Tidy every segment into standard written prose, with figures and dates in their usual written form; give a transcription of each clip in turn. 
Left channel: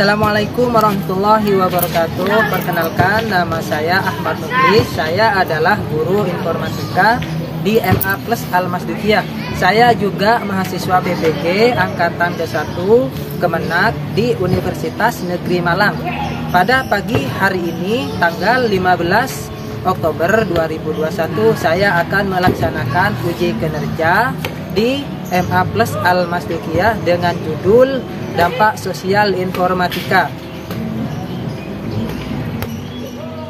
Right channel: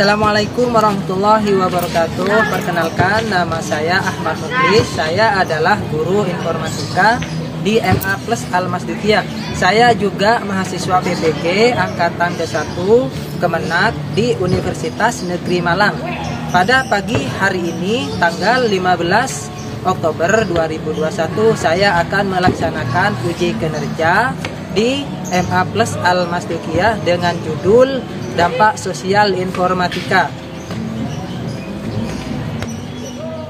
Assalamualaikum warahmatullahi wabarakatuh. Perkenalkan, nama saya Ahmad Muklis. Saya adalah guru informatika di MA Plus Al-Masdikiyah. Saya juga mahasiswa PPG Angkatan ke-1 Kemenak di Universitas Negeri Malang. Pada pagi hari ini, tanggal 15 Oktober 2021, saya akan melaksanakan uji kinerja di MA Plus Al-Masdikiyah dengan judul Dampak Sosial Informatika.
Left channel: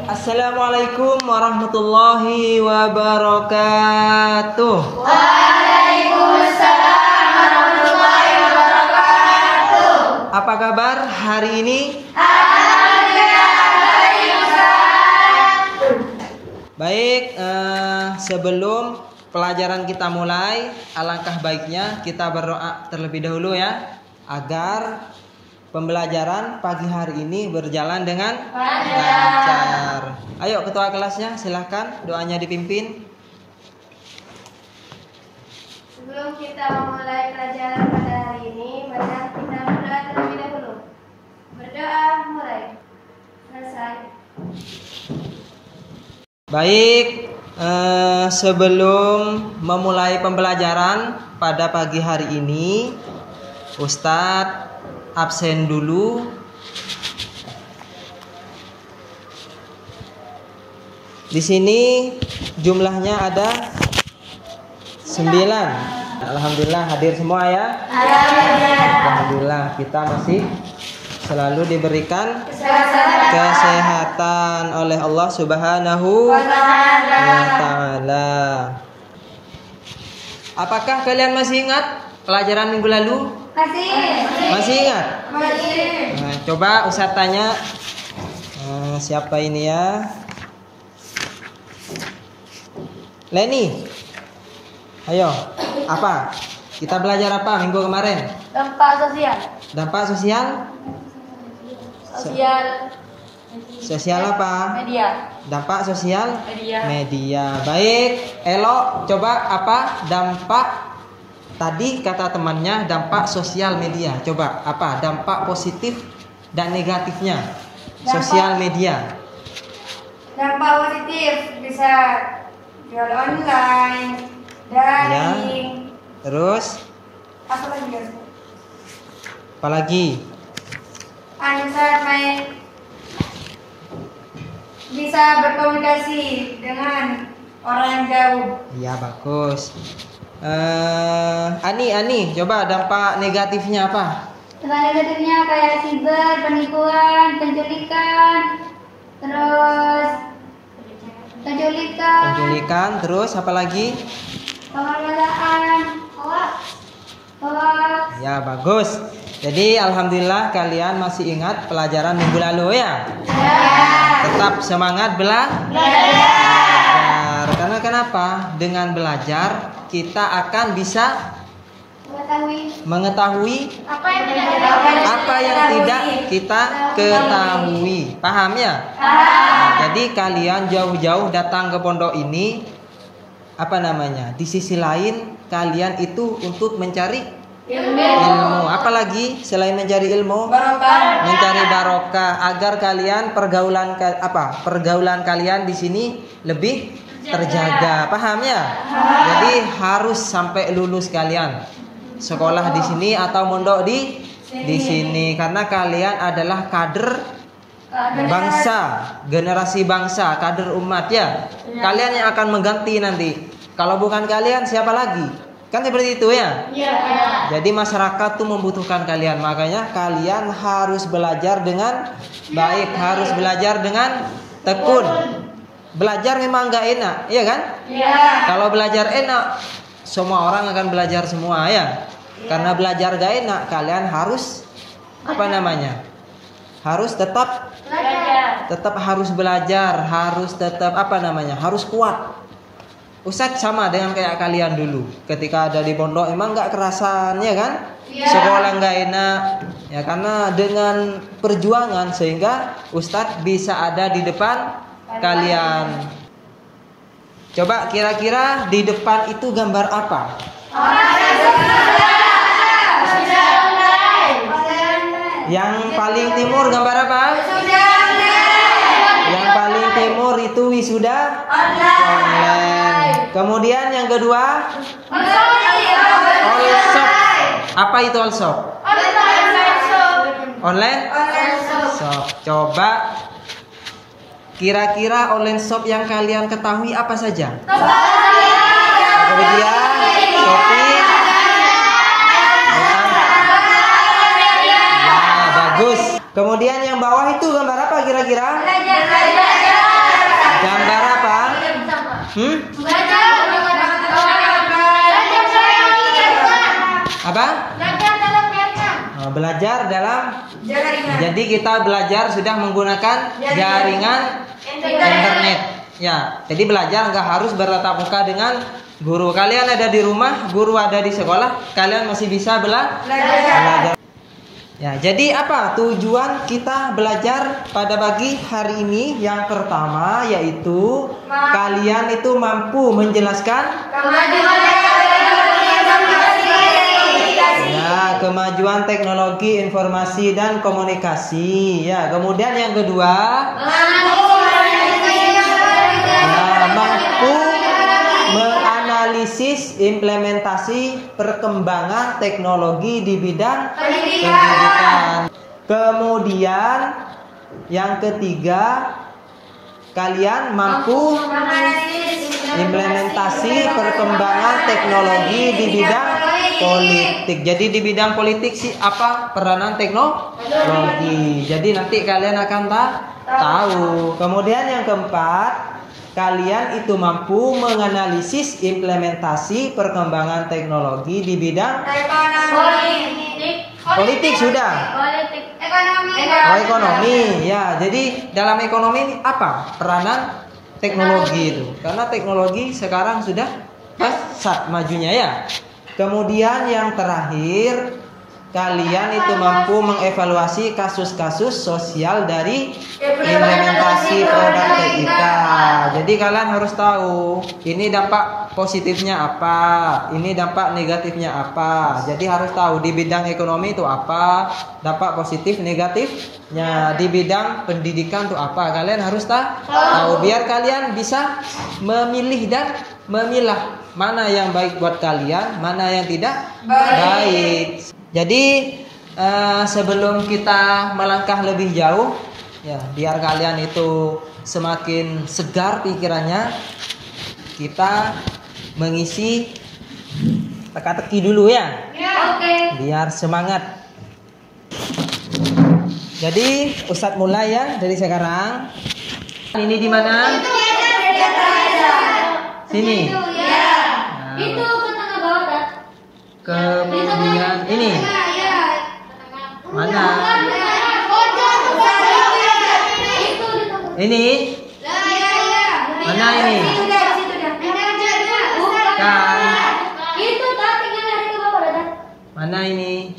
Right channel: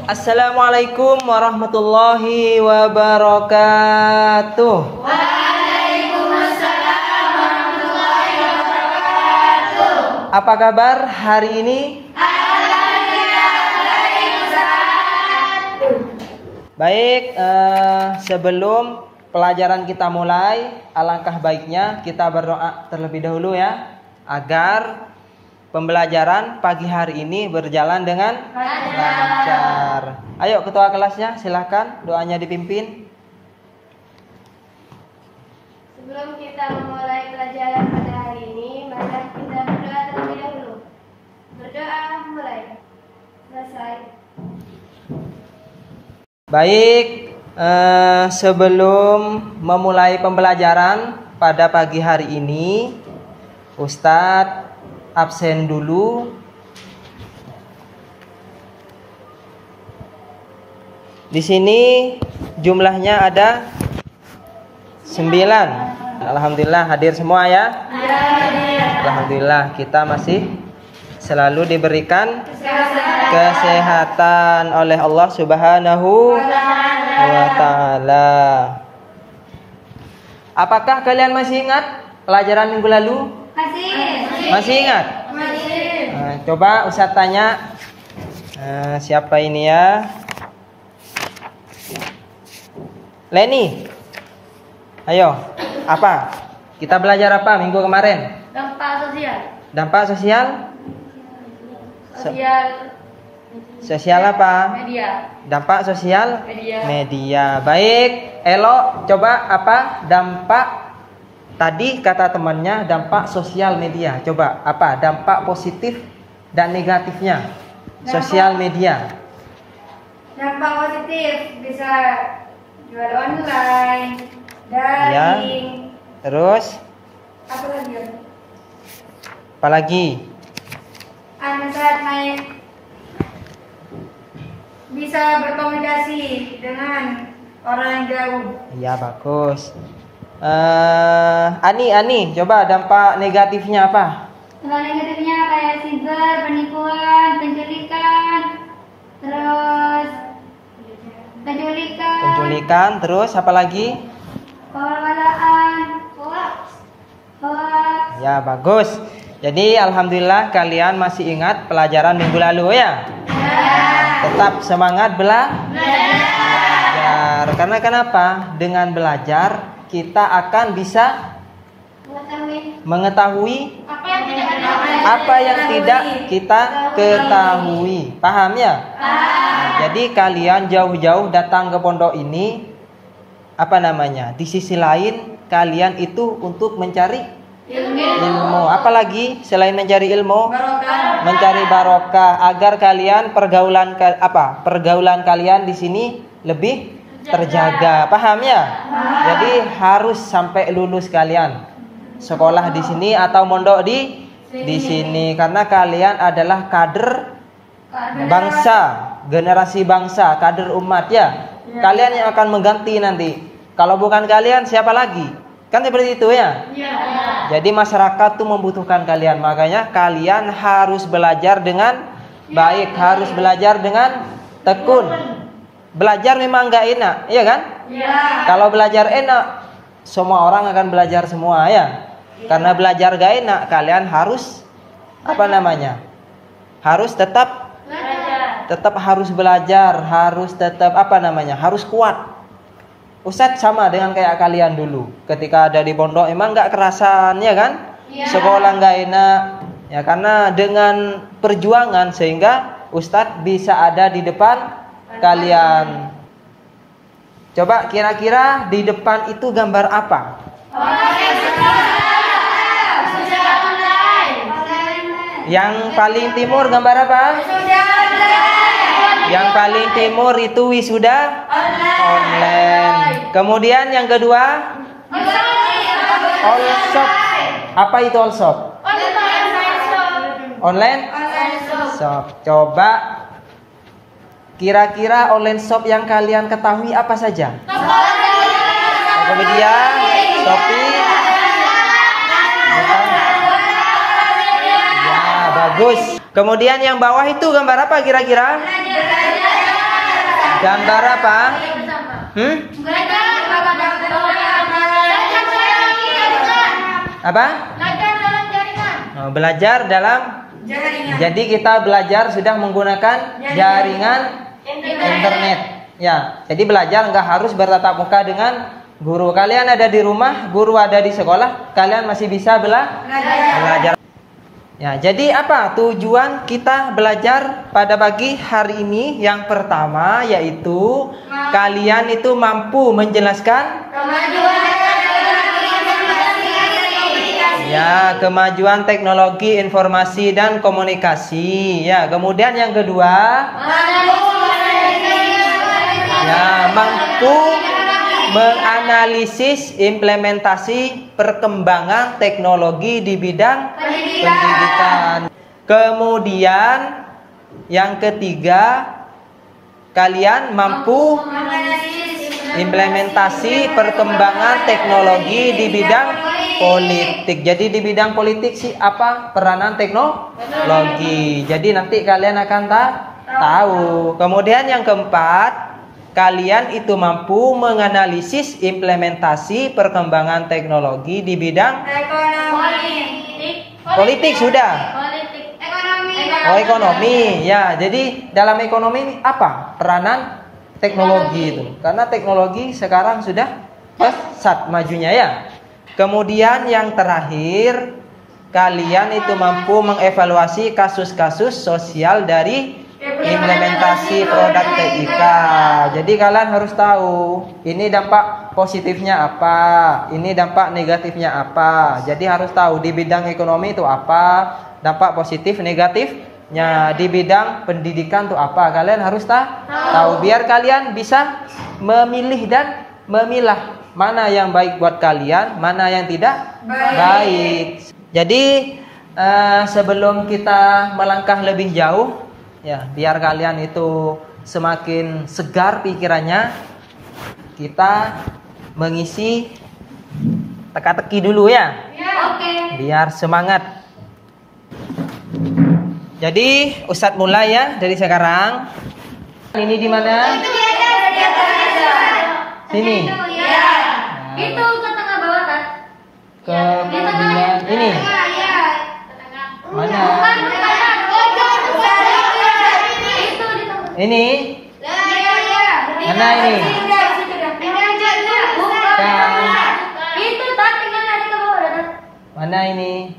Assalamualaikum warahmatullahi wabarakatuh. Waalaikumsalam warahmatullahi wabarakatuh. Apa kabar hari ini? Baik, sebelum pelajaran kita mulai, alangkah baiknya kita berdoa terlebih dahulu ya, agar pembelajaran pagi hari ini berjalan dengan lancar. Ayo ketua kelasnya, silahkan doanya dipimpin. Sebelum kita memulai pelajaran pada hari ini, mari kita berdoa terlebih dahulu. Berdoa, mulai. Selesai. Baik, sebelum memulai pembelajaran pada pagi hari ini, Ustadz absen dulu. Di sini jumlahnya ada 9. Alhamdulillah hadir semua ya. Alhamdulillah kita masih selalu diberikan kesehatan oleh Allah Subhanahu wa Ta'ala. Apakah kalian masih ingat pelajaran minggu lalu? Masih ingat? Nah, coba Ustaz tanya, siapa ini ya? Leni. Ayo, apa? Kita belajar apa minggu kemarin? Dampak sosial. Dampak sosial? Sosial apa? Media. Dampak sosial? Media. Media. Baik, Elo, coba apa dampak? Tadi kata temannya dampak sosial media. Coba apa dampak positif dan negatifnya sosial media? Dampak positif bisa jual online, daring. Terus Apa lagi? apa lagi? Saat main bisa berkomunikasi dengan orang jauh. Iya, bagus. Ani, coba dampak negatifnya apa? Dampak negatifnya kayak siber, penipuan, penculikan, Terus apa lagi? pengelolaan, Ya, bagus. Jadi alhamdulillah kalian masih ingat pelajaran minggu lalu ya? Tetap semangat belajar. Karena kenapa? Dengan belajar kita akan bisa mengetahui apa yang tidak kita ketahui. Paham ya? Nah, jadi kalian jauh-jauh datang ke pondok ini, di sisi lain kalian itu untuk mencari ilmu. Apalagi selain mencari ilmu, mencari barokah, agar kalian pergaulan kalian di sini lebih terjaga. Paham ya? Jadi harus sampai lulus kalian sekolah di sini atau mondok di sini, karena kalian adalah kader bangsa, generasi bangsa, kader umat ya. Kalian yang akan mengganti nanti. Kalau bukan kalian siapa lagi? Kan seperti itu ya. Jadi masyarakat tuh membutuhkan kalian. Makanya kalian harus belajar dengan baik, harus belajar dengan tekun. Belajar memang nggak enak, iya kan? Kalau belajar enak, semua orang akan belajar semua ya. Karena belajar nggak enak, kalian harus harus tetap harus belajar, harus tetap harus kuat. Ustadz sama dengan kayak kalian dulu. Ketika ada di pondok emang nggak kerasan ya kan? Sekolah nggak enak ya, karena dengan perjuangan sehingga Ustadz bisa ada di depan kalian. Coba kira-kira di depan itu gambar apa? Yang paling timur gambar apa? Yang paling timur itu wisuda online. Kemudian yang kedua all shop. Apa itu all shop? Online shop. Coba kira-kira online shop yang kalian ketahui apa saja? Tokopedia, Shopee. Ya, bagus. Kemudian yang bawah itu gambar apa kira-kira? Gambar apa? Apa? Oh, belajar dalam jaringan. Jadi kita belajar sudah menggunakan jaringan internet. Ya, jadi belajar nggak harus bertatap muka dengan guru. Kalian ada di rumah, guru ada di sekolah, kalian masih bisa belajar. Ya, jadi apa tujuan kita belajar pada pagi hari ini? Yang pertama yaitu kalian itu mampu menjelaskan kemajuan teknologi informasi dan komunikasi. Ya, kemudian yang kedua mampu menganalisis implementasi perkembangan teknologi di bidang pendidikan. Kemudian yang ketiga, kalian mampu implementasi perkembangan teknologi di bidang politik. Jadi di bidang politik sih apa peranan teknologi. Jadi nanti kalian akan tahu. Kemudian yang keempat, kalian itu mampu menganalisis implementasi perkembangan teknologi di bidang politik sudah. Ekonomi. Ya, jadi dalam ekonomi ini apa peranan teknologi itu? Karena teknologi sekarang sudah pesat majunya ya. Kemudian yang terakhir, kalian itu mampu mengevaluasi kasus-kasus sosial dari implementasi produk TIK. Jadi kalian harus tahu ini dampak positifnya apa, ini dampak negatifnya apa. Jadi harus tahu di bidang ekonomi itu apa, dampak positif negatifnya. Di bidang pendidikan itu apa, kalian harus tahu biar kalian bisa memilih dan memilah mana yang baik buat kalian, mana yang tidak baik. Jadi sebelum kita melangkah lebih jauh, ya biar kalian itu semakin segar pikirannya, kita mengisi teka-teki dulu ya. Biar semangat. Jadi Ustadz mulai ya dari sekarang. Ini di mana? Sini. Itu ke tengah bawah, Tat. Kemudian ini. Mana? Ini. Mana ini? Itu Tat, tinggal lari ke bawah, Tat. Mana ini?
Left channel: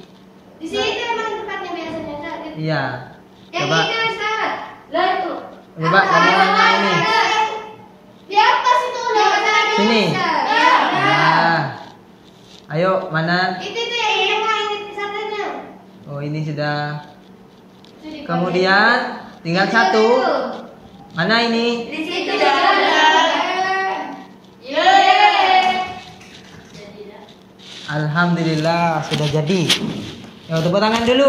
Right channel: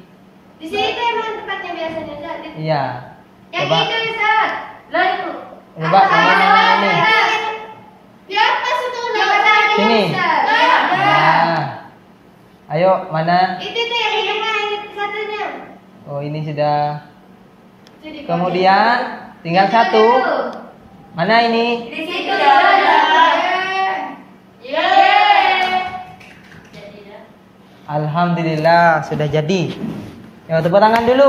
Di sini emang tempatnya biasanya, Tat. Iya. Coba. Yang ini, Ustaz. Lah itu. Coba mana ini? Di atas itu udah matahari. Sini. Nah. Ayo, mana? Itu yang satunya. Oh, ini sudah. Kemudian tinggal satu. Mana ini? Di situ ada. Alhamdulillah sudah jadi. Ya, tepuk tangan dulu.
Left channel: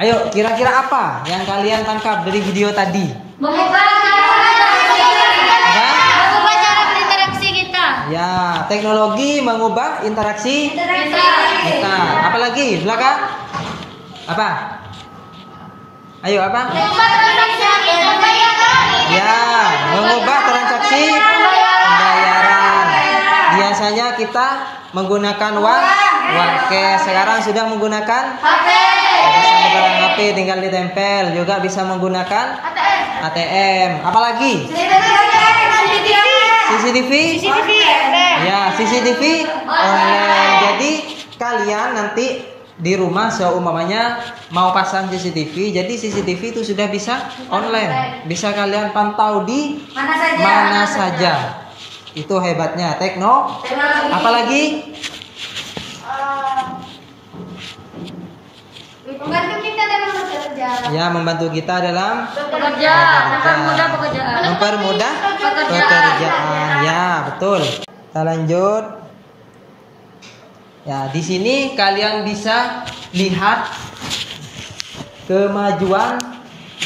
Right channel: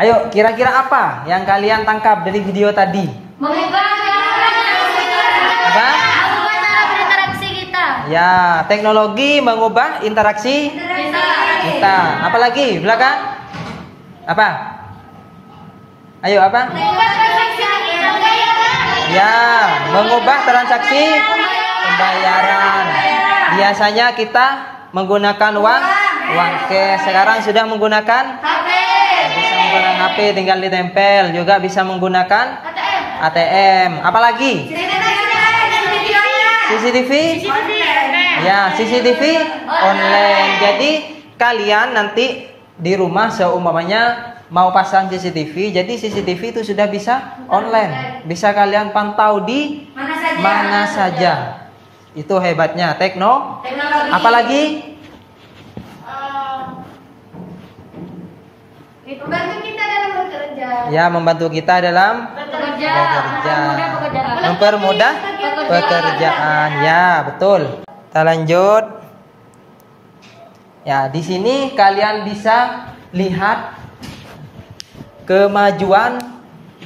Ayo, kira-kira apa yang kalian tangkap dari video tadi? Mengubah cara berinteraksi kita. Ya, teknologi mengubah interaksi kita. Apalagi belakang? Apa? Ayo apa? Ya, mengubah transaksi pembayaran. Biasanya kita menggunakan uang cash. Sekarang sudah menggunakan HP. bisa menggunakan HP, tinggal ditempel. Juga bisa menggunakan ATM. Apalagi? CCTV? Ya, CCTV online. Jadi kalian nanti di rumah seumpamanya mau pasang CCTV, jadi CCTV itu sudah bisa online. Bisa kalian pantau di mana saja. Itu hebatnya teknologi. Apalagi? Membantu kita dalam bekerja. Ya, membantu kita dalam Bekerja, mempermudah pekerjaan. mempermudah pekerjaan. Ya, betul. Kita lanjut. Ya, di sini kalian bisa lihat kemajuan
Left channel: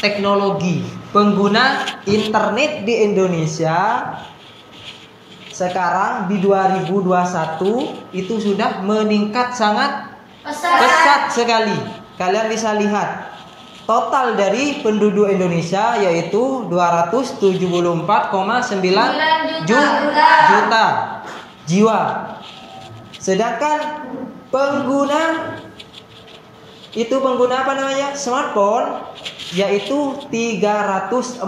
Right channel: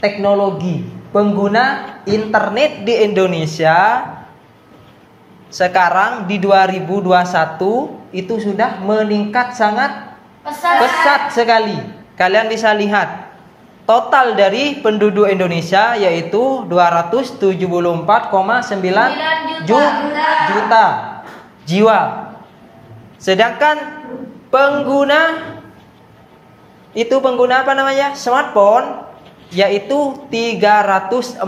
teknologi. Pengguna internet di Indonesia sekarang di 2021 itu sudah meningkat sangat pesat sekali. Kalian bisa lihat total dari penduduk Indonesia yaitu 274,9 juta jiwa. Sedangkan pengguna apa namanya? Smartphone yaitu 345,3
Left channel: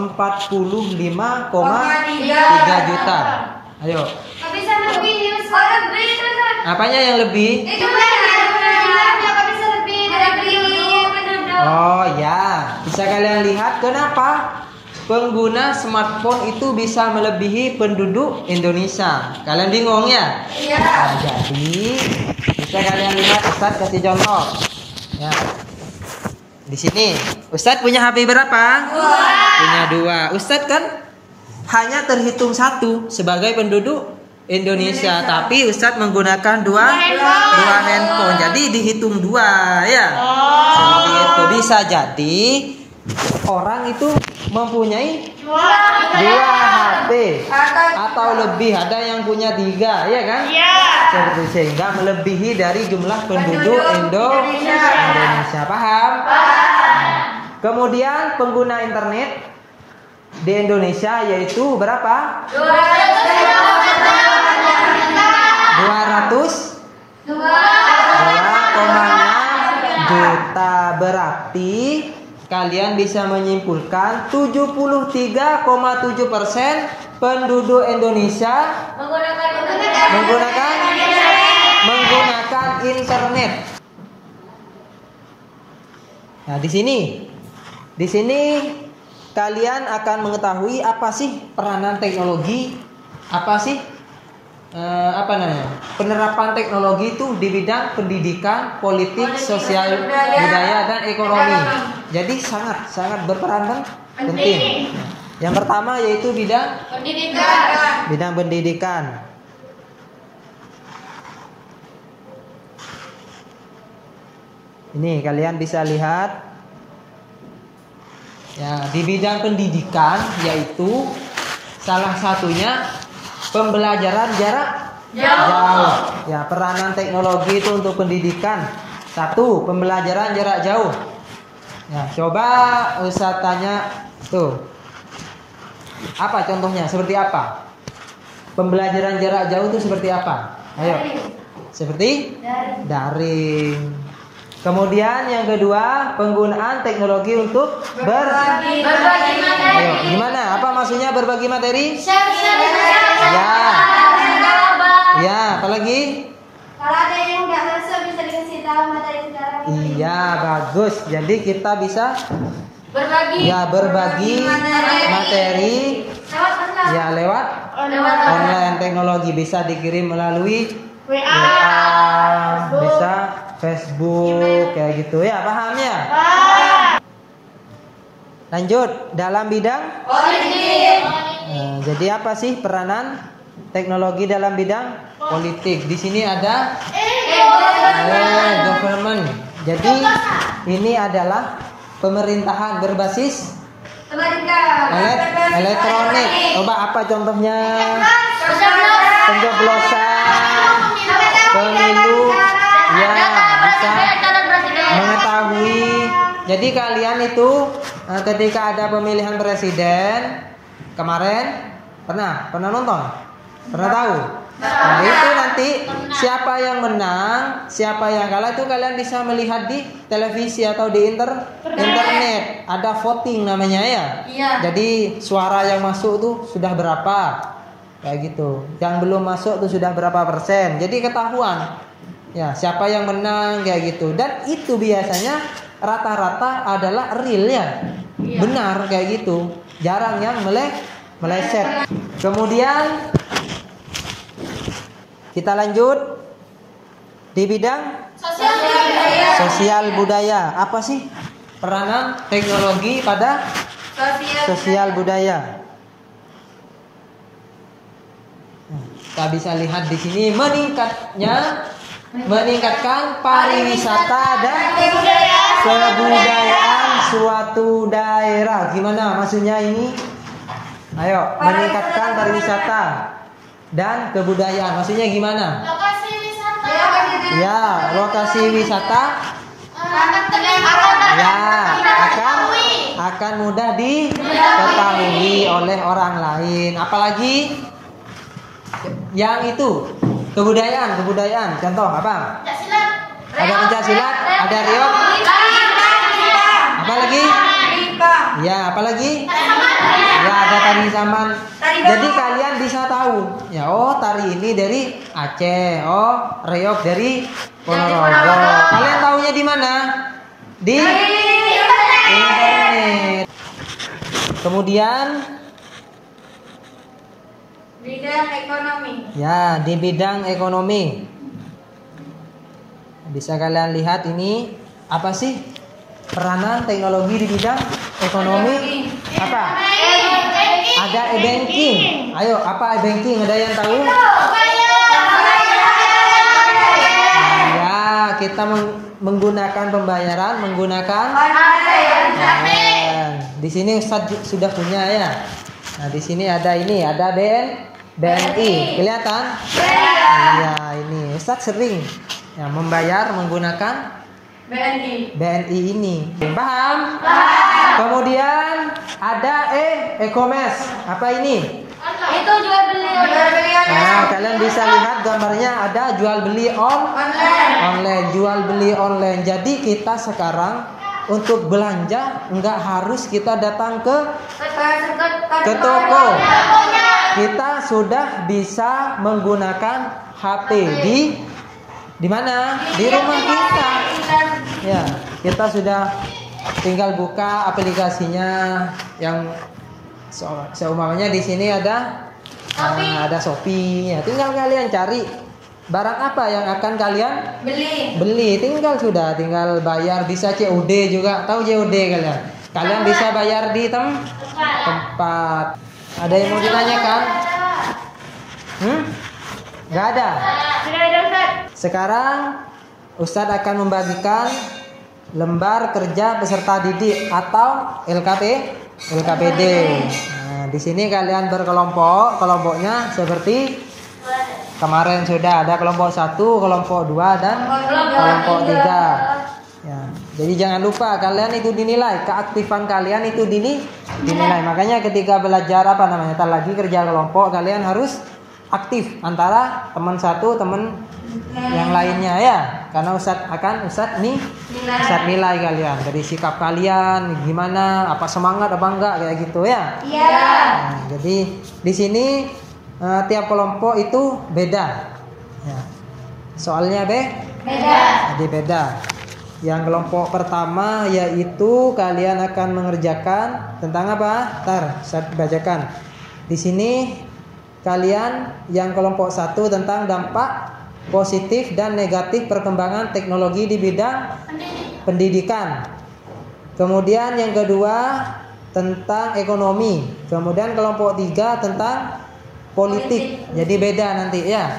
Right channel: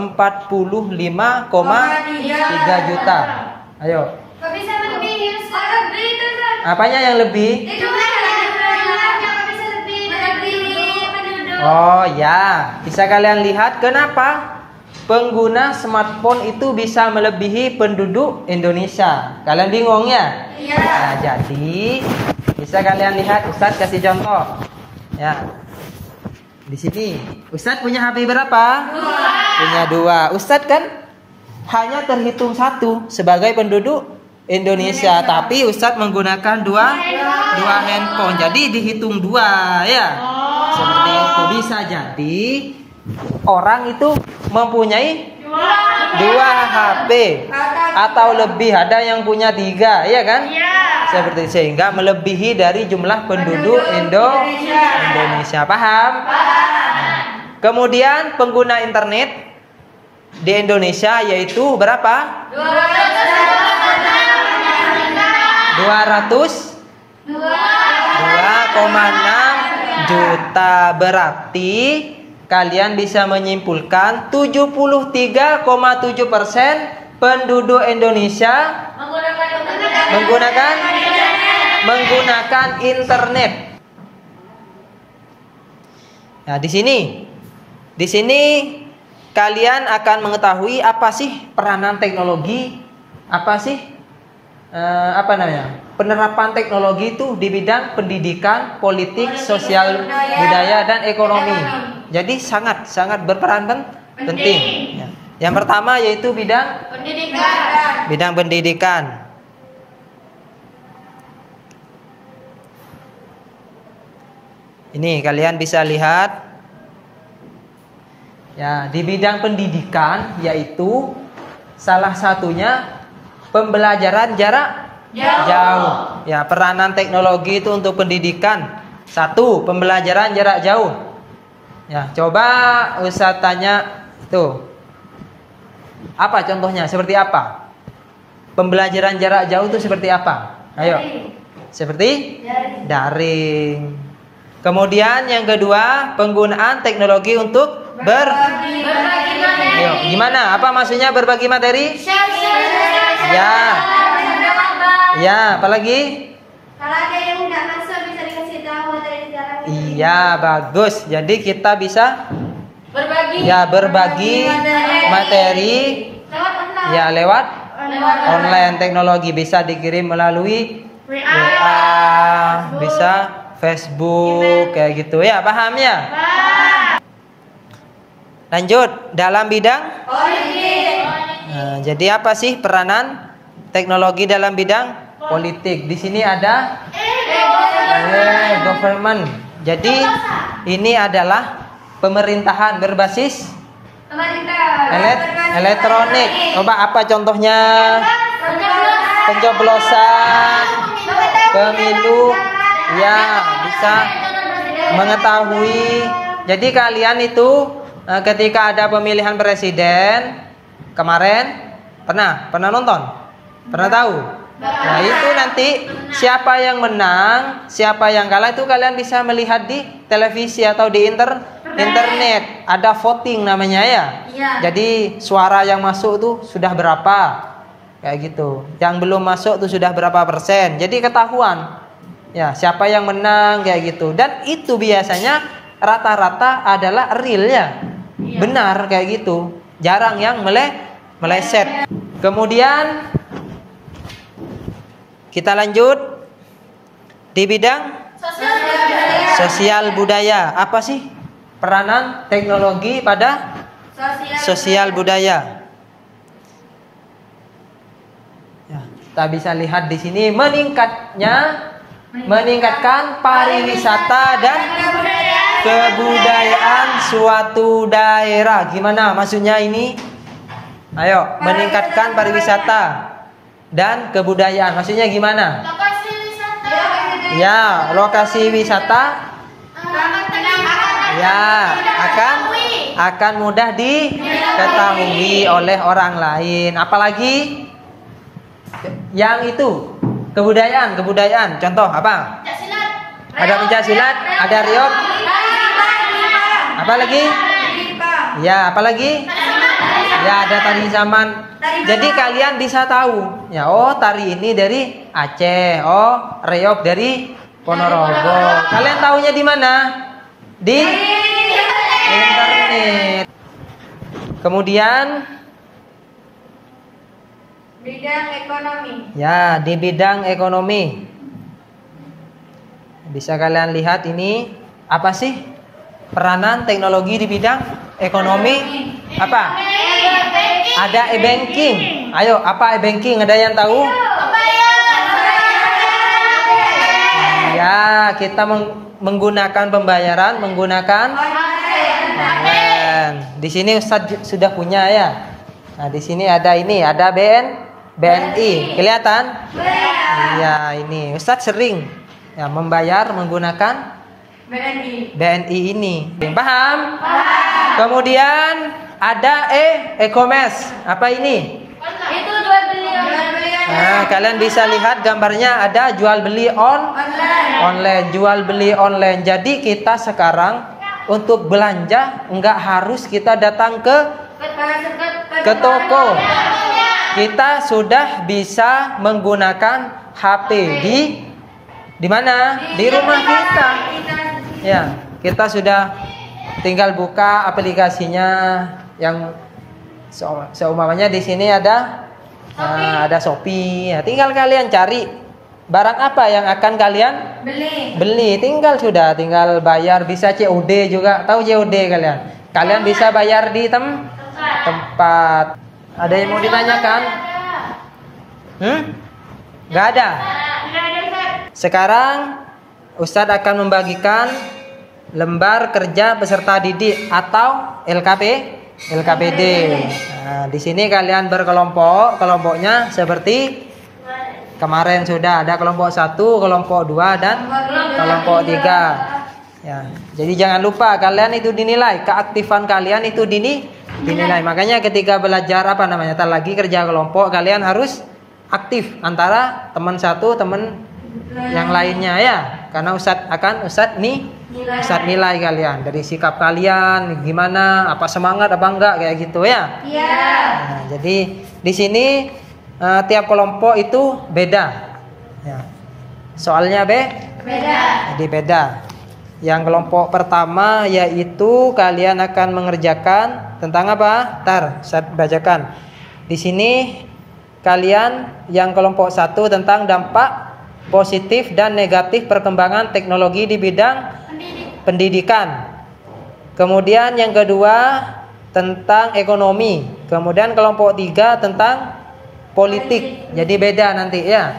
juta. Ayo. Kok bisa lebih? Lebih kan? Apanya yang lebih? Itu kok bisa lebih dari penduduk. Oh ya, bisa kalian lihat kenapa pengguna smartphone itu bisa melebihi penduduk Indonesia. Kalian bingung ya? Iya. Nah, jadi bisa kalian lihat, Ustadz kasih contoh. Ya. Di sini, Ustadz punya HP berapa? Punya 2. Ustadz kan hanya terhitung 1 sebagai penduduk Indonesia, tapi Ustadz menggunakan dua handphone. Jadi dihitung 2 ya. Seperti itu. Bisa jadi orang itu mempunyai 2 HP atau lebih, ada yang punya 3, ya kan? Seperti sehingga melebihi dari jumlah penduduk Indonesia. Paham? Kemudian pengguna internet di Indonesia yaitu berapa? 2,6 juta. Berarti kalian bisa menyimpulkan 73,7% penduduk Indonesia menggunakan internet. Nah, di sini kalian akan mengetahui apa sih peranan teknologi, apa sih penerapan teknologi itu di bidang pendidikan, politik, sosial, budaya dan ekonomi. Jadi sangat berperan penting. Yang pertama yaitu bidang pendidikan. Ini kalian bisa lihat ya, di bidang pendidikan yaitu salah satunya pembelajaran jarak jauh. Ya, peranan teknologi itu untuk pendidikan. 1, pembelajaran jarak jauh. Ya, coba Ustaz tanya tuh. Apa contohnya? Seperti apa? Pembelajaran jarak jauh itu seperti apa? Ayo. Seperti daring. Kemudian yang kedua, penggunaan teknologi untuk berbagi materi. Ayo, gimana? Apa maksudnya berbagi materi? Ya, apalagi? Kalau ada yang nggak masuk bisa dikasih tahu materi sekarang. Iya, bagus. Jadi kita bisa berbagi materi. Lewat online. Teknologi bisa dikirim melalui WA, bisa Facebook, kayak gitu ya, paham ya? Lanjut, dalam bidang politik. Nah, jadi apa sih peranan teknologi dalam bidang politik? Di sini ada government. Jadi ini adalah pemerintahan berbasis elektronik. Coba apa contohnya? Pencoblosan, pemilu, ya bisa mengetahui. Jadi kalian itu ketika ada pemilihan presiden kemarin pernah nonton? Pernah tahu? Nah itu nanti siapa yang menang, siapa yang kalah itu kalian bisa melihat di televisi atau di internet. Ada voting namanya ya. Jadi suara yang masuk tuh sudah berapa, kayak gitu. Yang belum masuk tuh sudah berapa persen. Jadi ketahuan ya siapa yang menang kayak gitu. Dan itu biasanya rata-rata adalah real ya, benar kayak gitu. Jarang yang meleset. Kemudian kita lanjut di bidang sosial budaya. Apa sih peranan teknologi pada sosial budaya? Ya, kita bisa lihat di sini meningkatkan pariwisata dan kebudayaan suatu daerah. Gimana maksudnya ini? Ayo, meningkatkan pariwisata dan kebudayaan. Maksudnya gimana? Lokasi wisata. Ya, lokasi wisata. Ya, akan mudah diketahui oleh orang lain. Apalagi yang itu kebudayaan. Contoh apa? Ada pencaksilat, ada riok. Apa lagi? Ya, apalagi? Ya, ada tari zaman. Jadi kalian bisa tahu. Ya, oh tari ini dari Aceh, oh reog dari Ponorogo. Kalian tahunya di mana? Di internet. Kemudian bidang ekonomi. ya, di bidang ekonomi. Bisa kalian lihat ini apa sih peranan teknologi di bidang ekonomi? Apa? Ada e-banking. Ayo, apa e-banking? Ada yang tahu? Ya, kita menggunakan pembayaran menggunakan online. Di sini Ustadz sudah punya ya. Nah, di sini ada ini, ada BNI. Kelihatan? Ya, ini Ustadz sering ya membayar menggunakan BNI ini. Paham? Kemudian ada e-commerce. Apa ini? Itu jual beli online. Nah, kalian bisa lihat gambarnya ada jual beli online, jual beli online. Jadi kita sekarang untuk belanja enggak harus kita datang ke toko. Kita sudah bisa menggunakan HP di mana? Di rumah kita. Ya, kita sudah tinggal buka aplikasinya yang seumpamanya di sini ada Shopee. Ya, tinggal kalian cari barang apa yang akan kalian beli. Tinggal bayar, bisa COD juga. Tahu COD kalian? Kalian bisa bayar di tempat. Ada yang mau ditanyakan? Gak ada. Sekarang Ustadz akan membagikan lembar kerja peserta didik atau LKPD. Nah, di sini kalian berkelompok, kelompoknya seperti kemarin sudah ada kelompok 1, kelompok 2 dan kelompok 3. Ya, jadi jangan lupa kalian itu dinilai, keaktifan kalian itu dinilai. Makanya ketika belajar tar lagi kerja kelompok kalian harus aktif antara teman satu, teman yang lainnya ya. Karena Ustadz nilai kalian dari sikap kalian gimana, apa semangat apa enggak kayak gitu ya. Nah, jadi di sini tiap kelompok itu beda. Ya. Soalnya beda. Jadi beda. Yang kelompok pertama yaitu kalian akan mengerjakan tentang apa? Saya bacakan. Di sini kalian yang kelompok 1 tentang dampak positif dan negatif perkembangan teknologi di bidang pendidikan. Kemudian yang kedua tentang ekonomi. Kemudian kelompok 3 tentang politik. Jadi beda nanti ya.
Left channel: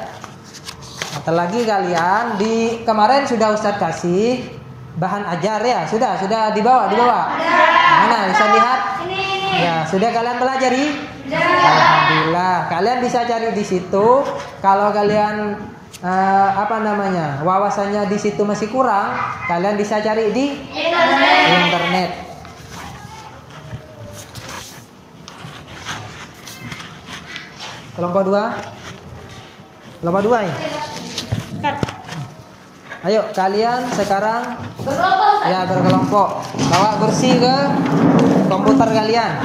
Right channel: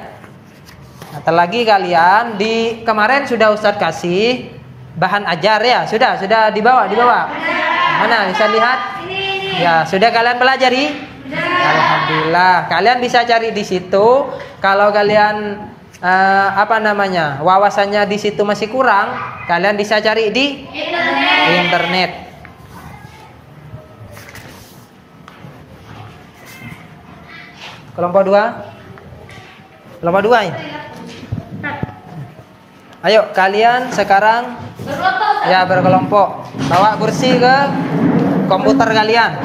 Ntar lagi kalian kemarin sudah Ustadz kasih bahan ajar ya? Sudah dibawa. Mana bisa lihat? Ini. Ya, sudah kalian pelajari? Alhamdulillah. Kalian bisa cari di situ. Kalau kalian wawasannya di situ masih kurang, kalian bisa cari di internet. Kelompok 2 ya. Ayo kalian sekarang berkelompok. Bawa kursi ke komputer kalian.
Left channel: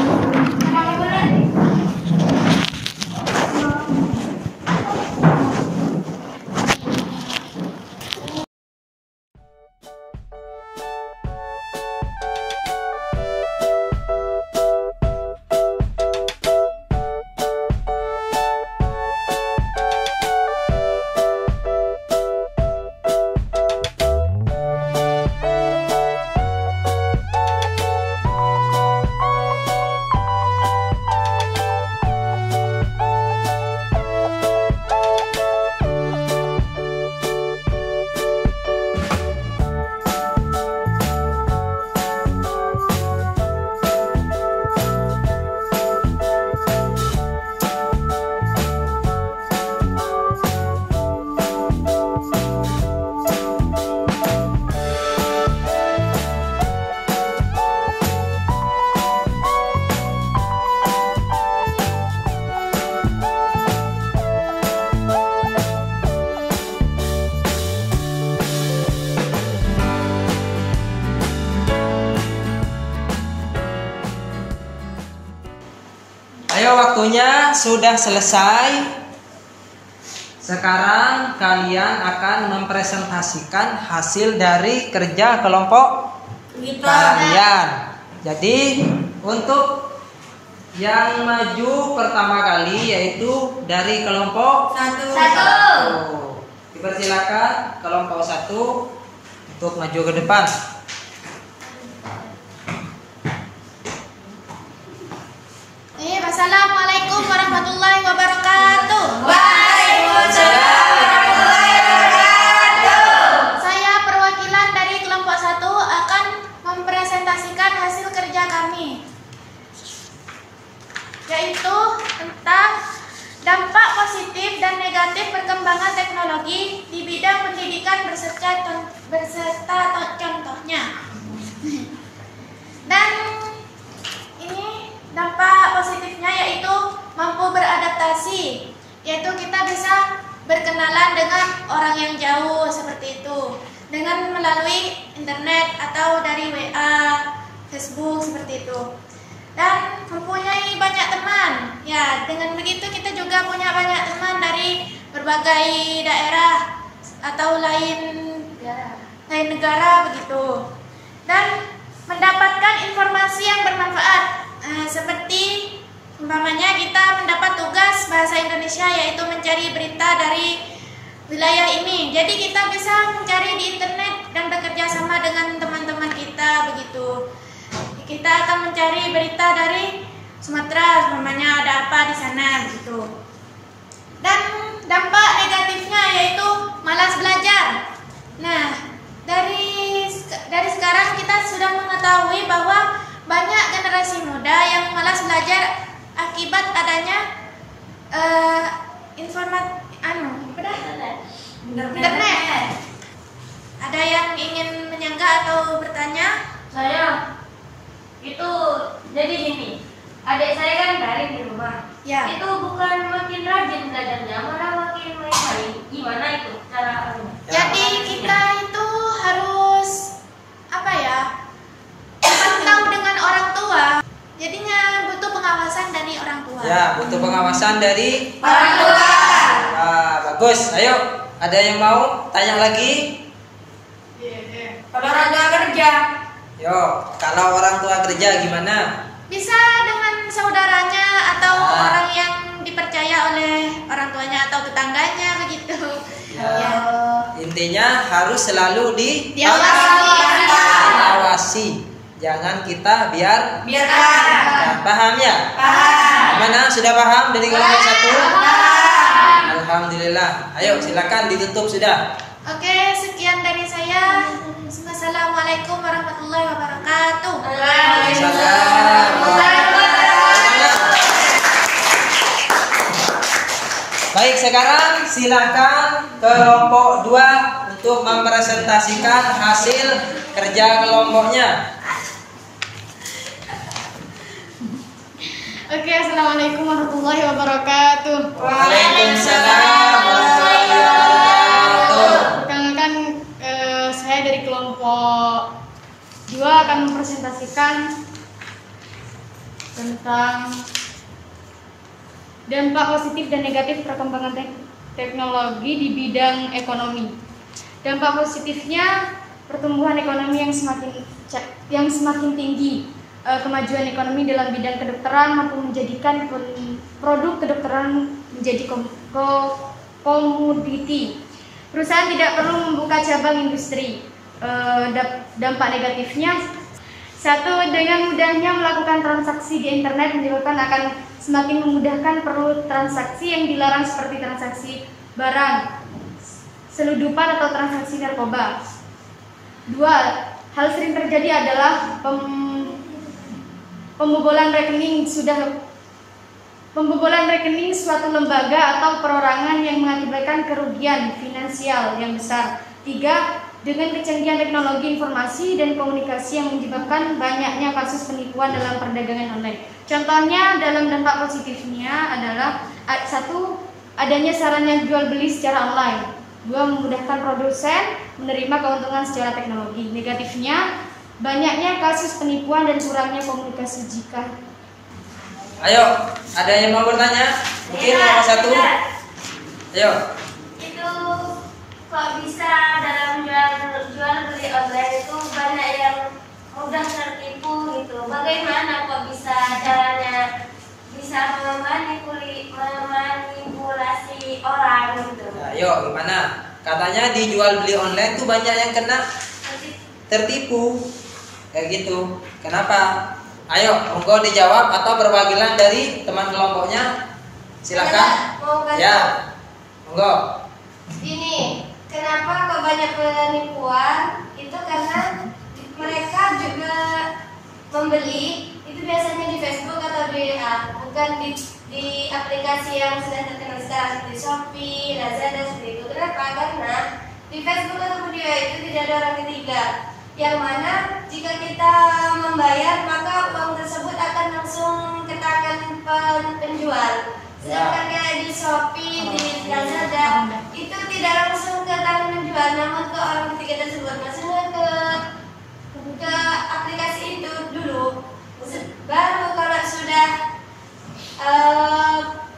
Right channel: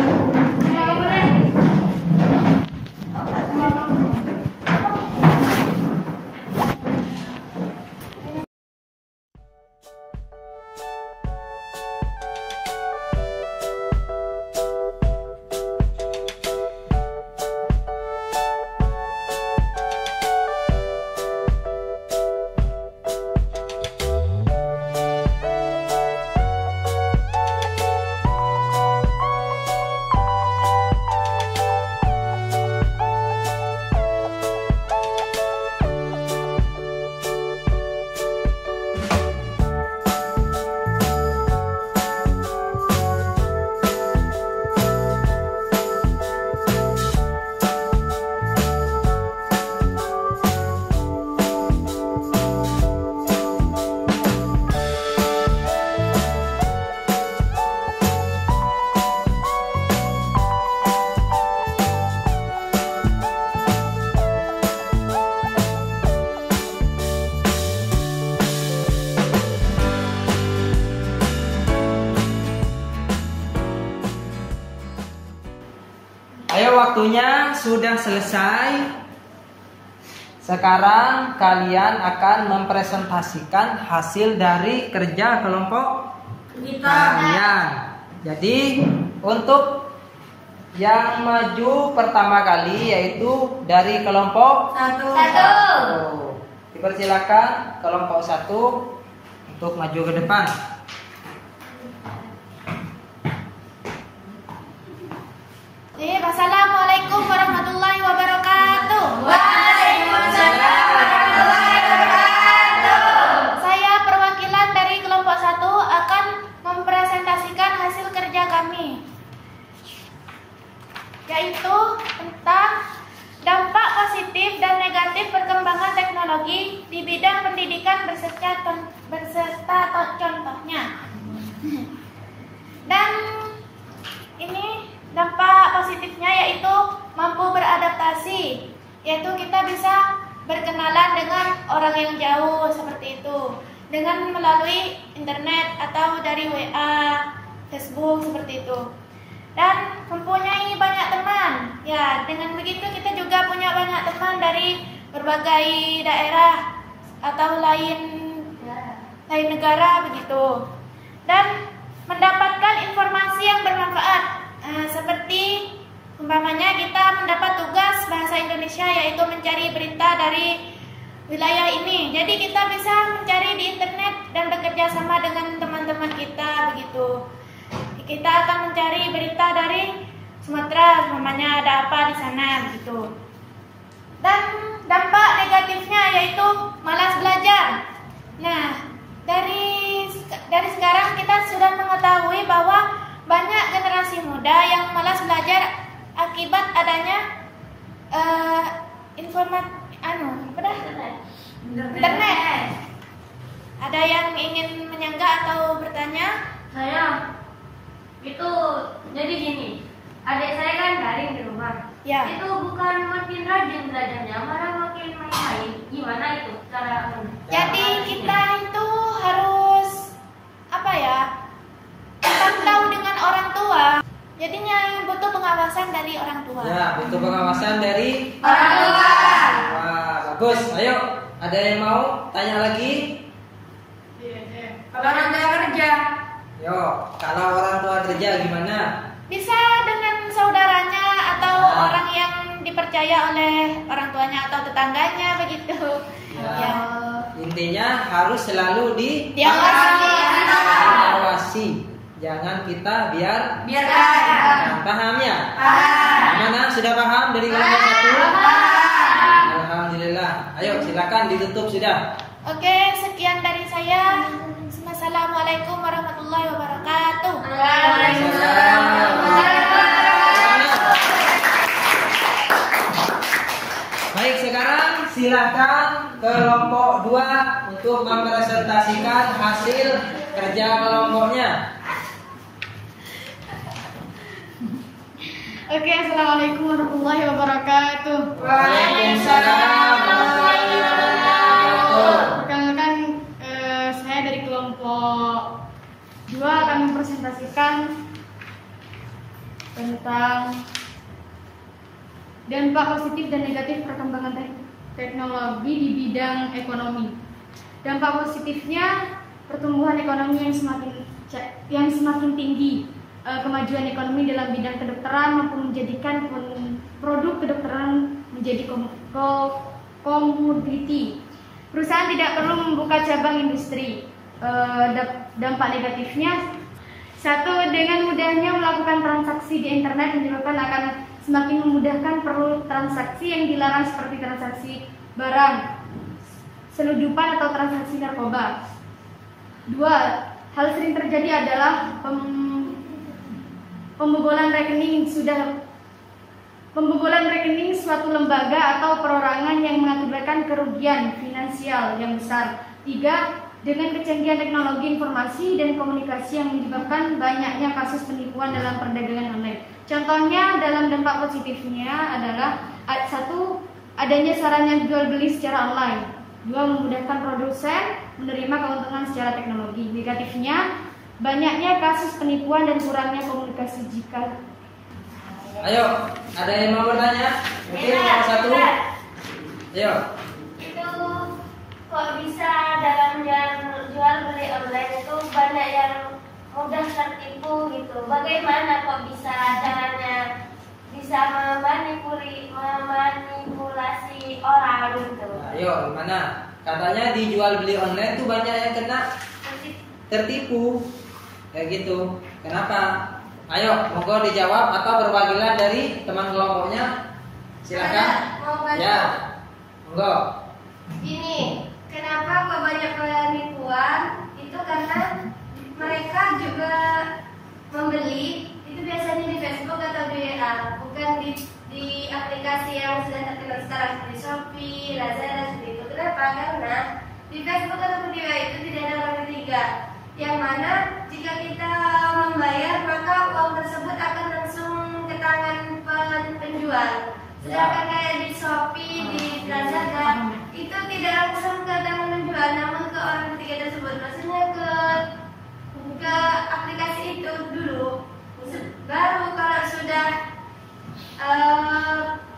Ayo, waktunya sudah selesai. Sekarang kalian akan mempresentasikan hasil dari kerja kelompok kalian. Jadi untuk yang maju pertama kali yaitu dari kelompok 1. Dipersilakan kelompok 1 untuk maju ke depan. Assalamualaikum warahmatullahi wabarakatuh. Waalaikumsalam warahmatullahi wabarakatuh. Saya perwakilan dari kelompok 1 akan mempresentasikan hasil kerja kami, yaitu tentang dampak positif dan negatif perkembangan teknologi di bidang pendidikan beserta contohnya. Dan ini dampak positifnya yaitu mampu beradaptasi, yaitu kita bisa berkenalan dengan orang yang jauh seperti itu dengan melalui internet atau dari WA, Facebook seperti itu. Dan mempunyai banyak teman. Ya, dengan begitu kita juga punya banyak teman dari berbagai daerah atau lain negara begitu. Dan mendapatkan informasi yang bermanfaat. Seperti umpamanya kita mendapat tugas bahasa Indonesia yaitu mencari berita dari wilayah ini. Jadi kita bisa mencari di internet dan bekerja sama dengan teman-teman kita begitu. Kita akan mencari berita dari Sumatera, umpamanya ada apa di sana begitu. Dan dampak negatifnya yaitu malas belajar. Nah, dari sekarang kita sudah mengetahui bahwa banyak generasi muda yang malas belajar akibat adanya internet. Ada yang ingin menyanggah atau bertanya? Saya itu jadi gini, adik saya kan daring di rumah. Ya. Itu bukan makin rajin belajarnya, malah makin main-main. Gimana itu cara Jadi kita itu harus pantau dengan orang tua. Jadinya butuh pengawasan dari orang tua. Ya, butuh pengawasan dari Orang tua. Bagus. Ayo, ada yang mau tanya lagi? Kalau orang tua kerja, Yo, kalau orang tua kerja gimana? Bisa dengan saudaranya atau orang yang dipercaya oleh orang tuanya atau tetangganya begitu. Ya. Intinya harus selalu Diawasi. Jangan kita biarkan. Paham ya? paham. Mana sudah paham dari kelompok 1? Alhamdulillah. Ayo silakan ditutup sudah. Oke, sekian dari saya. Assalamualaikum warahmatullahi wabarakatuh. Baik, sekarang silakan kelompok 2 untuk mempresentasikan hasil kerja kelompoknya. Oke, assalamualaikum warahmatullahi wabarakatuh. Waalaikumsalam warahmatullahi wabarakatuh. Perkenalkan, saya dari kelompok 2 akan mempresentasikan tentang dampak positif dan negatif perkembangan teknologi di bidang ekonomi. Dampak positifnya pertumbuhan ekonomi yang semakin tinggi, kemajuan ekonomi dalam bidang kedokteran mampu menjadikan produk kedokteran menjadi komoditi. Perusahaan tidak perlu membuka cabang industri. Dampak negatifnya, satu, dengan mudahnya melakukan transaksi di internet menyebabkan akan semakin memudahkan perlu transaksi yang dilarang seperti transaksi barang, seludupan atau transaksi narkoba. Dua, hal sering terjadi adalah pembobolan rekening suatu lembaga atau perorangan yang mengakibatkan kerugian finansial yang besar. Tiga, dengan kecanggihan teknologi informasi dan komunikasi yang menyebabkan banyaknya kasus penipuan dalam perdagangan online. Contohnya dalam dampak positifnya adalah satu, adanya sarana jual beli secara online. Dua, memudahkan produsen menerima keuntungan secara teknologi. Negatifnya, banyaknya kasus penipuan dan kurangnya komunikasi jika. Ayo, ada yang mau bertanya? Mungkin nomor 1. Ayo. Itu kok bisa dalam jual beli online itu banyak yang mudah tertipu gitu. Bagaimana kok bisa caranya bisa memanipulasi orang gitu? Ayo, gimana? Katanya di jual beli online tuh banyak yang kena tertipu. Kayak gitu. Kenapa? Ayo, monggo dijawab atau perwakilan dari teman kelompoknya. Silakan. Ya. Monggo. Ini kenapa kok banyak penipuan? Itu karena mereka juga membeli itu biasanya di Facebook atau di bukan di aplikasi yang sudah terkenal sekarang seperti Shopee, Lazada seperti itu. Kenapa? Karena di Facebook atau di WA itu tidak ada orang ketiga, yang mana jika kita membayar maka uang tersebut akan langsung ke tangan penjual. Sedangkan kayak di Shopee, di Lazada itu tidak langsung ke tangan penjual, namun ke orang ketiga tersebut. Maksudnya ke aplikasi itu dulu, baru kalau sudah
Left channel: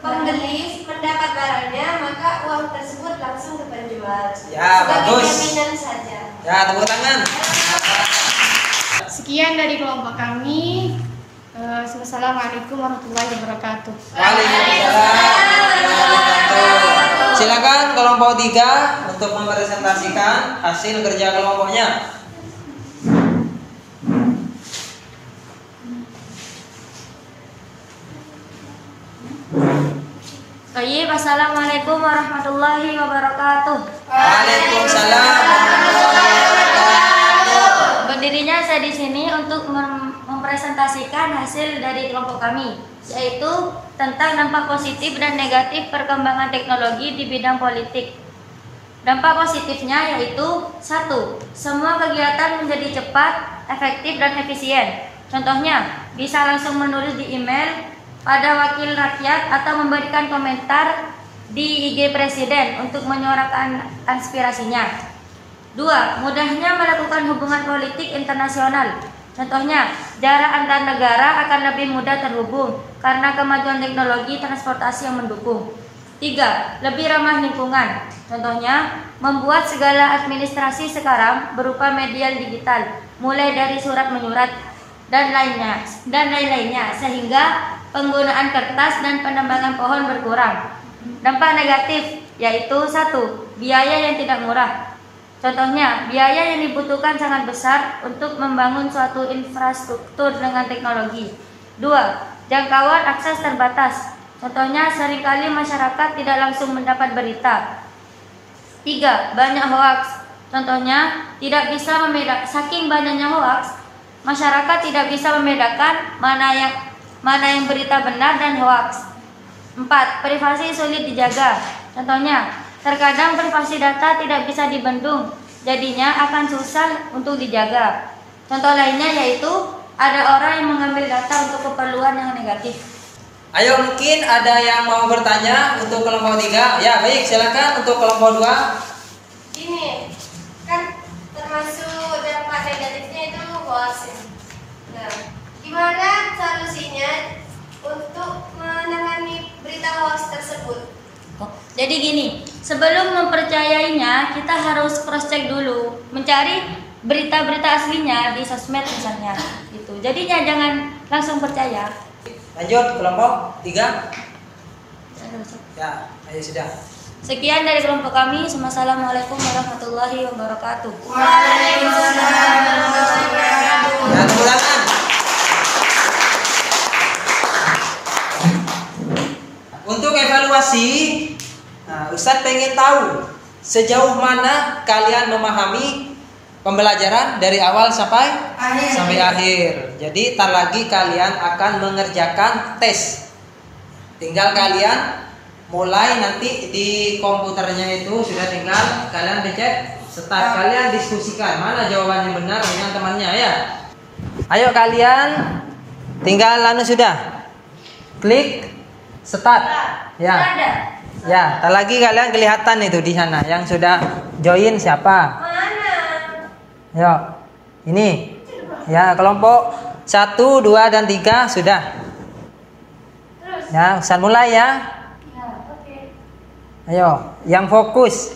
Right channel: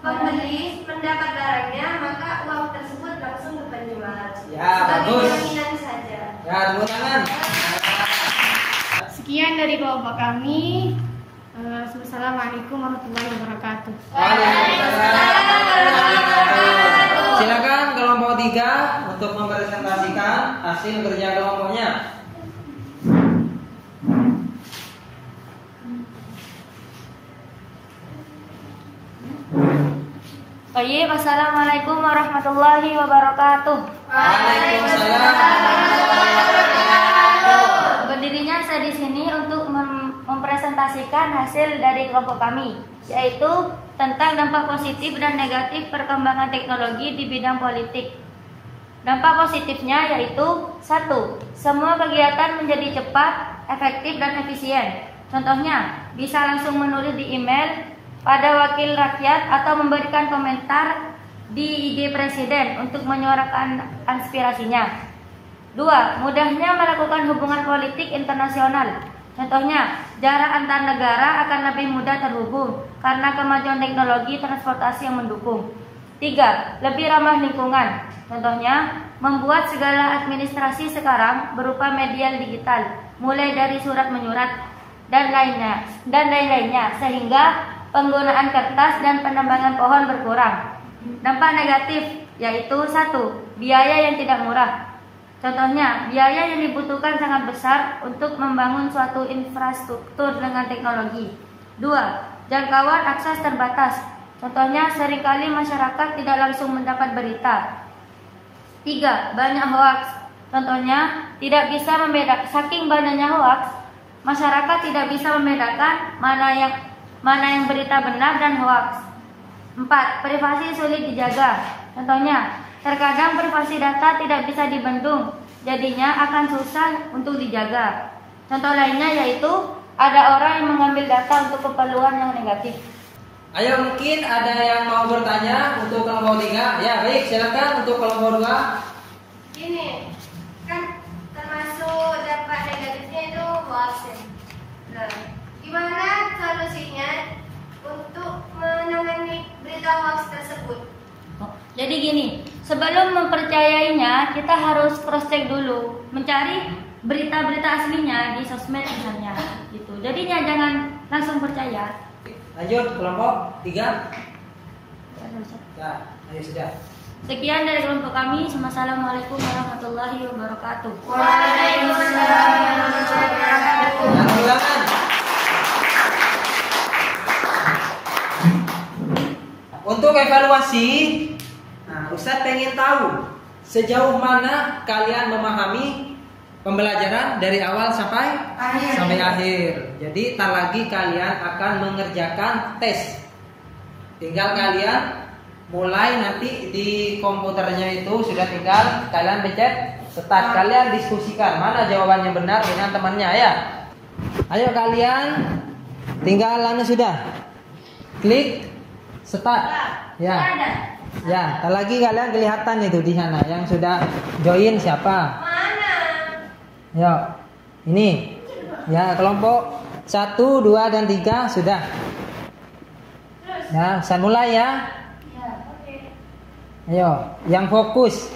pembeli mendapat barangnya maka uang tersebut langsung ke penjual. Ya, sebagai bagus. jaminan saja. Ya, tepuk tangan. Sekian dari kelompok kami. Assalamualaikum warahmatullahi wabarakatuh. Waalaikumsalam warahmatullahi wabarakatuh. Silakan kelompok 3 untuk mempresentasikan hasil kerja kelompoknya. Baik, assalamualaikum warahmatullahi wabarakatuh. Waalaikumsalam. Berdirinya saya di sini untuk mempresentasikan hasil dari kelompok kami, yaitu tentang dampak positif dan negatif perkembangan teknologi di bidang politik. Dampak positifnya yaitu 1. Semua kegiatan menjadi cepat, efektif, dan efisien. Contohnya, bisa langsung menulis di email pada wakil rakyat atau memberikan komentar di IG Presiden untuk menyuarakan aspirasinya. 2. Mudahnya melakukan hubungan politik internasional. Contohnya, jarak antar negara akan lebih mudah terhubung karena kemajuan teknologi transportasi yang mendukung. 3. Lebih ramah lingkungan. Contohnya, membuat segala administrasi sekarang berupa media digital, mulai dari surat menyurat dan lain-lainnya, sehingga penggunaan kertas dan penebangan pohon berkurang. Dampak negatif yaitu 1. Biaya yang tidak murah. Contohnya, biaya yang dibutuhkan sangat besar untuk membangun suatu infrastruktur dengan teknologi. 2. Jangkauan akses terbatas. Contohnya, seringkali masyarakat tidak langsung mendapat berita. 3. Banyak hoaks. Contohnya, tidak bisa saking banyaknya hoaks, masyarakat tidak bisa membedakan mana yang berita benar dan hoaks. 4. Privasi sulit dijaga. Contohnya, terkadang privasi data tidak bisa dibendung, jadinya akan susah untuk dijaga. Contoh lainnya yaitu ada orang yang mengambil data untuk keperluan yang negatif. Ayo, mungkin ada yang mau bertanya untuk kelompok 3. Ya, baik, silakan untuk kelompok 2. Ini kan termasuk dampak negatifnya itu hoax. Nah, gimana solusinya untuk menangani berita hoax tersebut? Jadi gini, sebelum mempercayainya kita harus cross check dulu, mencari berita-berita aslinya di sosmed misalnya gitu. Jadinya jangan langsung percaya. Lanjut kelompok 3. Ya, ayo sudah. Sekian dari kelompok kami. Assalamualaikum warahmatullahi wabarakatuh. Waalaikumsalam warahmatullahi wabarakatuh. Dan ulangan. Untuk evaluasi, Ustadz pengen tahu sejauh mana kalian memahami pembelajaran dari awal sampai akhir. Jadi tar lagi kalian akan mengerjakan tes. Tinggal kalian mulai nanti di komputernya itu sudah tinggal kalian pencet start, kalian diskusikan mana jawabannya benar dengan temannya ya. Ayo kalian tinggal sudah klik start ya. Ya, tak lagi kalian kelihatan itu di sana yang sudah join siapa? Yo, ini ya kelompok 1, 2, dan 3 sudah. Ya, bisa mulai ya. Ayo, yang fokus.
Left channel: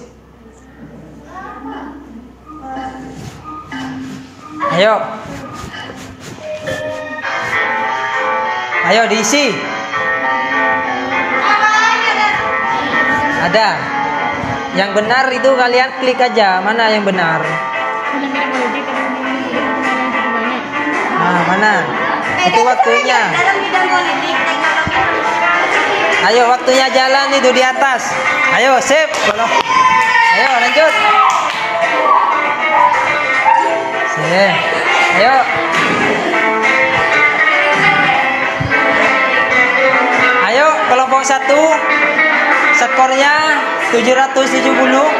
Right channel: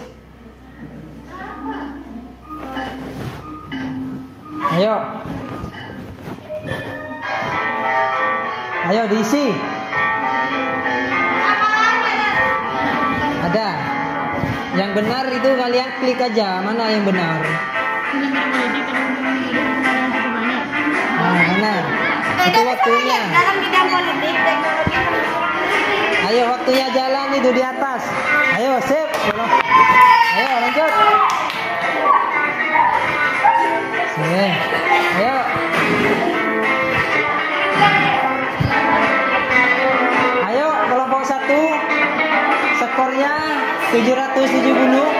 Ayo. Ayo diisi. Ada. Yang benar itu kalian klik aja. Mana yang benar? Nah, mana? Itu waktunya. Dalam bidang politik, teknologi, Ayo waktunya jalan itu di atas. Ayo sip. Ayo lanjut. Sip. Ayo. Ayo kelompok 1. Skornya 770.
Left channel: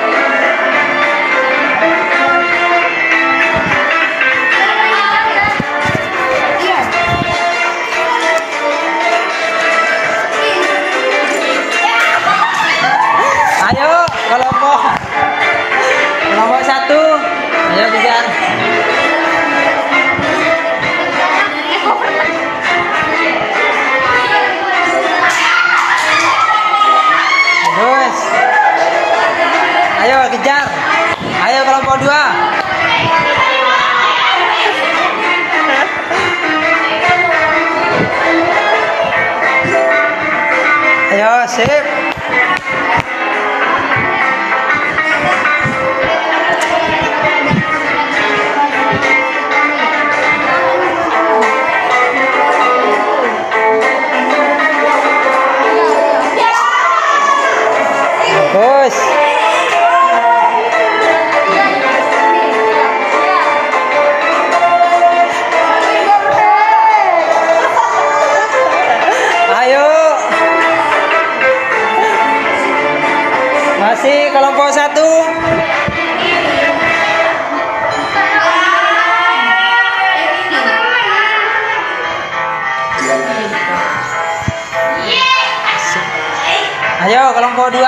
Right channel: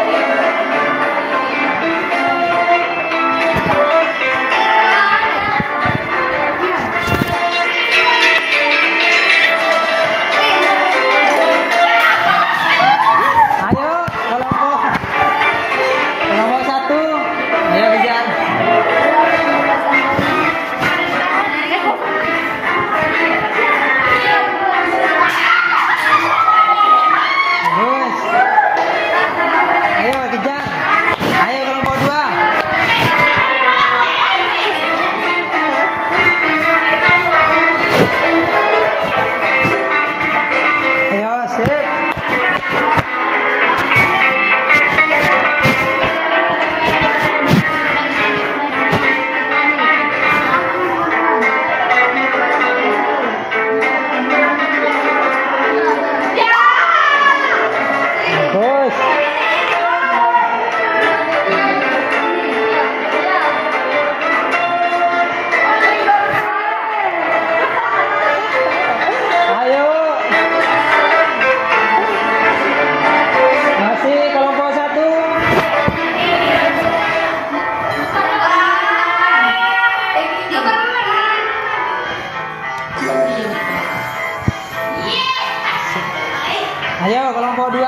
Ayo kelompok 2.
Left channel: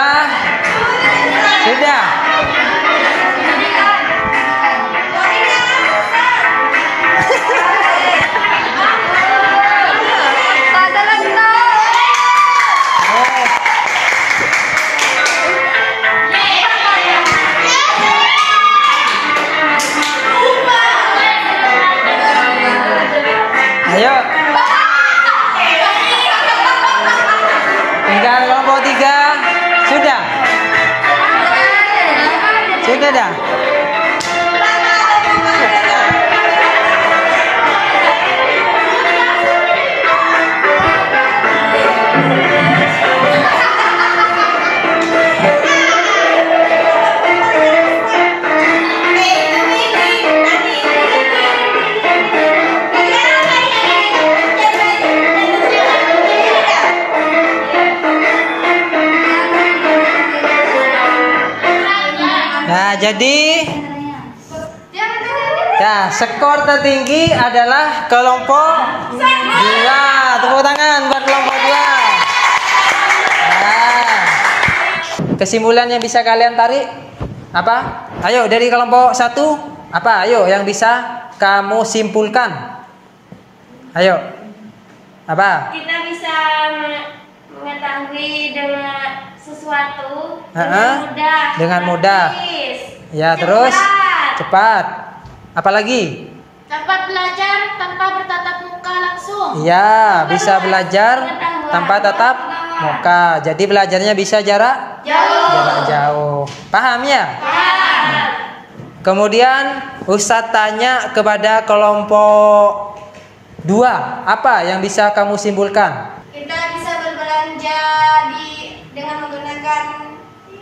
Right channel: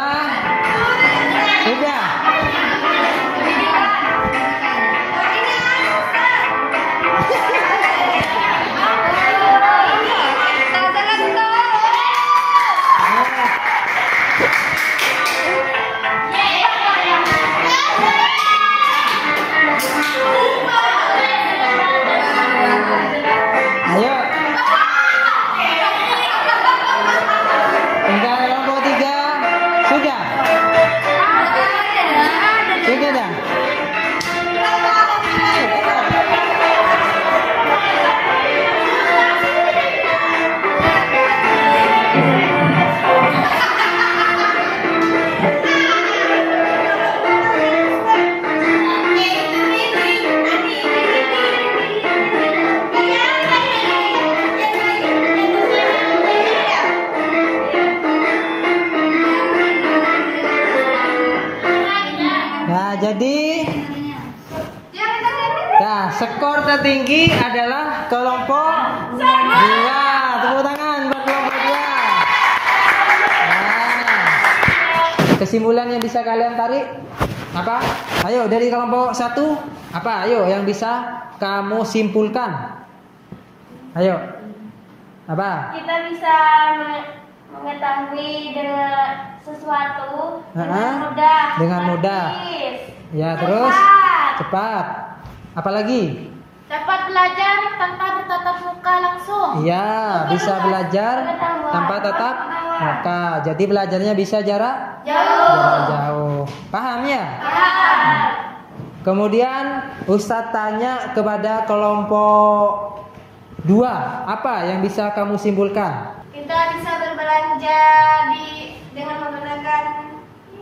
Sudah. Ayo. Tinggal kelompok 3. adalah kelompok 2. Tepuk tangan buat kelompok 2. Nah, kesimpulan yang bisa kalian tarik apa? Ayo dari kelompok 1 apa? Ayo yang bisa kamu simpulkan. Ayo. Apa? Kita bisa mengetahui dengan sesuatu dengan mudah. Dengan mudah. Ya, terus cepat. Apalagi? Dapat belajar tanpa bertatap muka langsung. Iya, bisa belajar tanpa tatap muka. Jadi belajarnya bisa jarak jauh. Paham ya? Paham. Kemudian Ustadz tanya kepada kelompok 2, apa yang bisa kamu simpulkan? Kita bisa berbelanja dengan menggunakan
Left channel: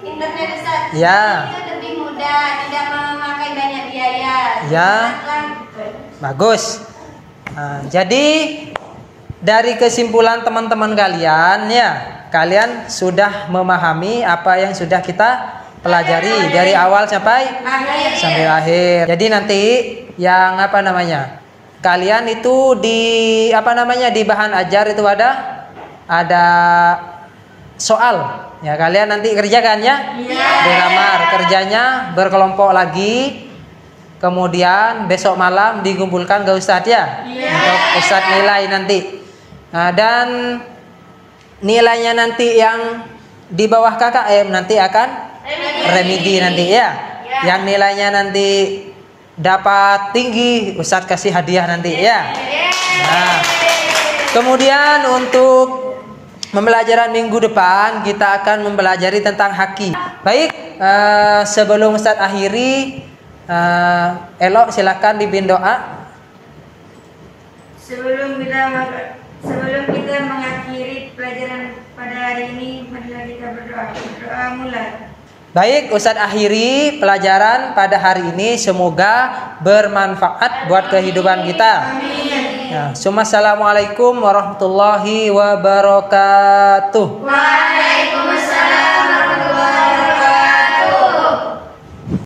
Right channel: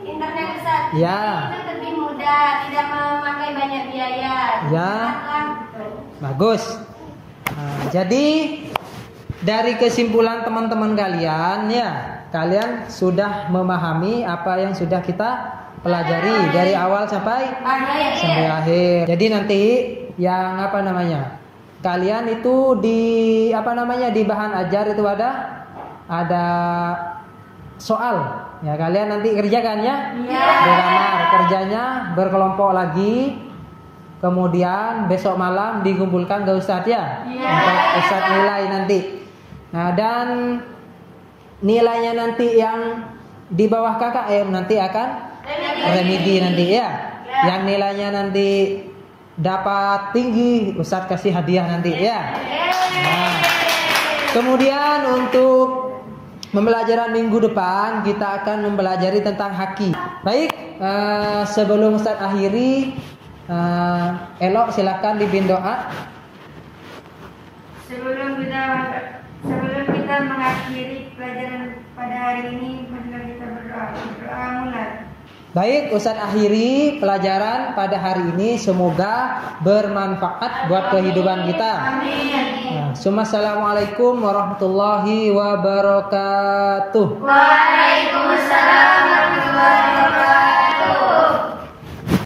internet, Ustaz. Ya. Itu lebih mudah, tidak memakai banyak biaya. Ya. Gitu. Bagus. Nah, jadi dari kesimpulan teman-teman kalian ya, kalian sudah memahami apa yang sudah kita pelajari dari awal sampai akhir. Jadi nanti yang apa namanya? Kalian itu di di bahan ajar itu ada soal. Ya, kalian nanti kerjakan ya. Dilamar kerjanya berkelompok lagi. Kemudian besok malam dikumpulkan ke Ustadz ya. Untuk Ustadz nilai nanti. Nah, dan nilainya nanti yang di bawah KKM nanti akan remedi nanti ya. Yang nilainya nanti dapat tinggi, Ustadz kasih hadiah nanti ya. Nah, kemudian untuk pembelajaran minggu depan kita akan mempelajari tentang haki. Baik, sebelum Ustadz akhiri, Elok silakan dibimbing doa. Sebelum kita mengakhiri pelajaran pada hari ini, marilah kita berdoa. Berdoa mulai. Baik, Ustadz akhiri pelajaran pada hari ini, semoga bermanfaat buat kehidupan kita. Amin. Nah, Assalamualaikum warahmatullahi wabarakatuh. Waalaikumsalam warahmatullahi wabarakatuh.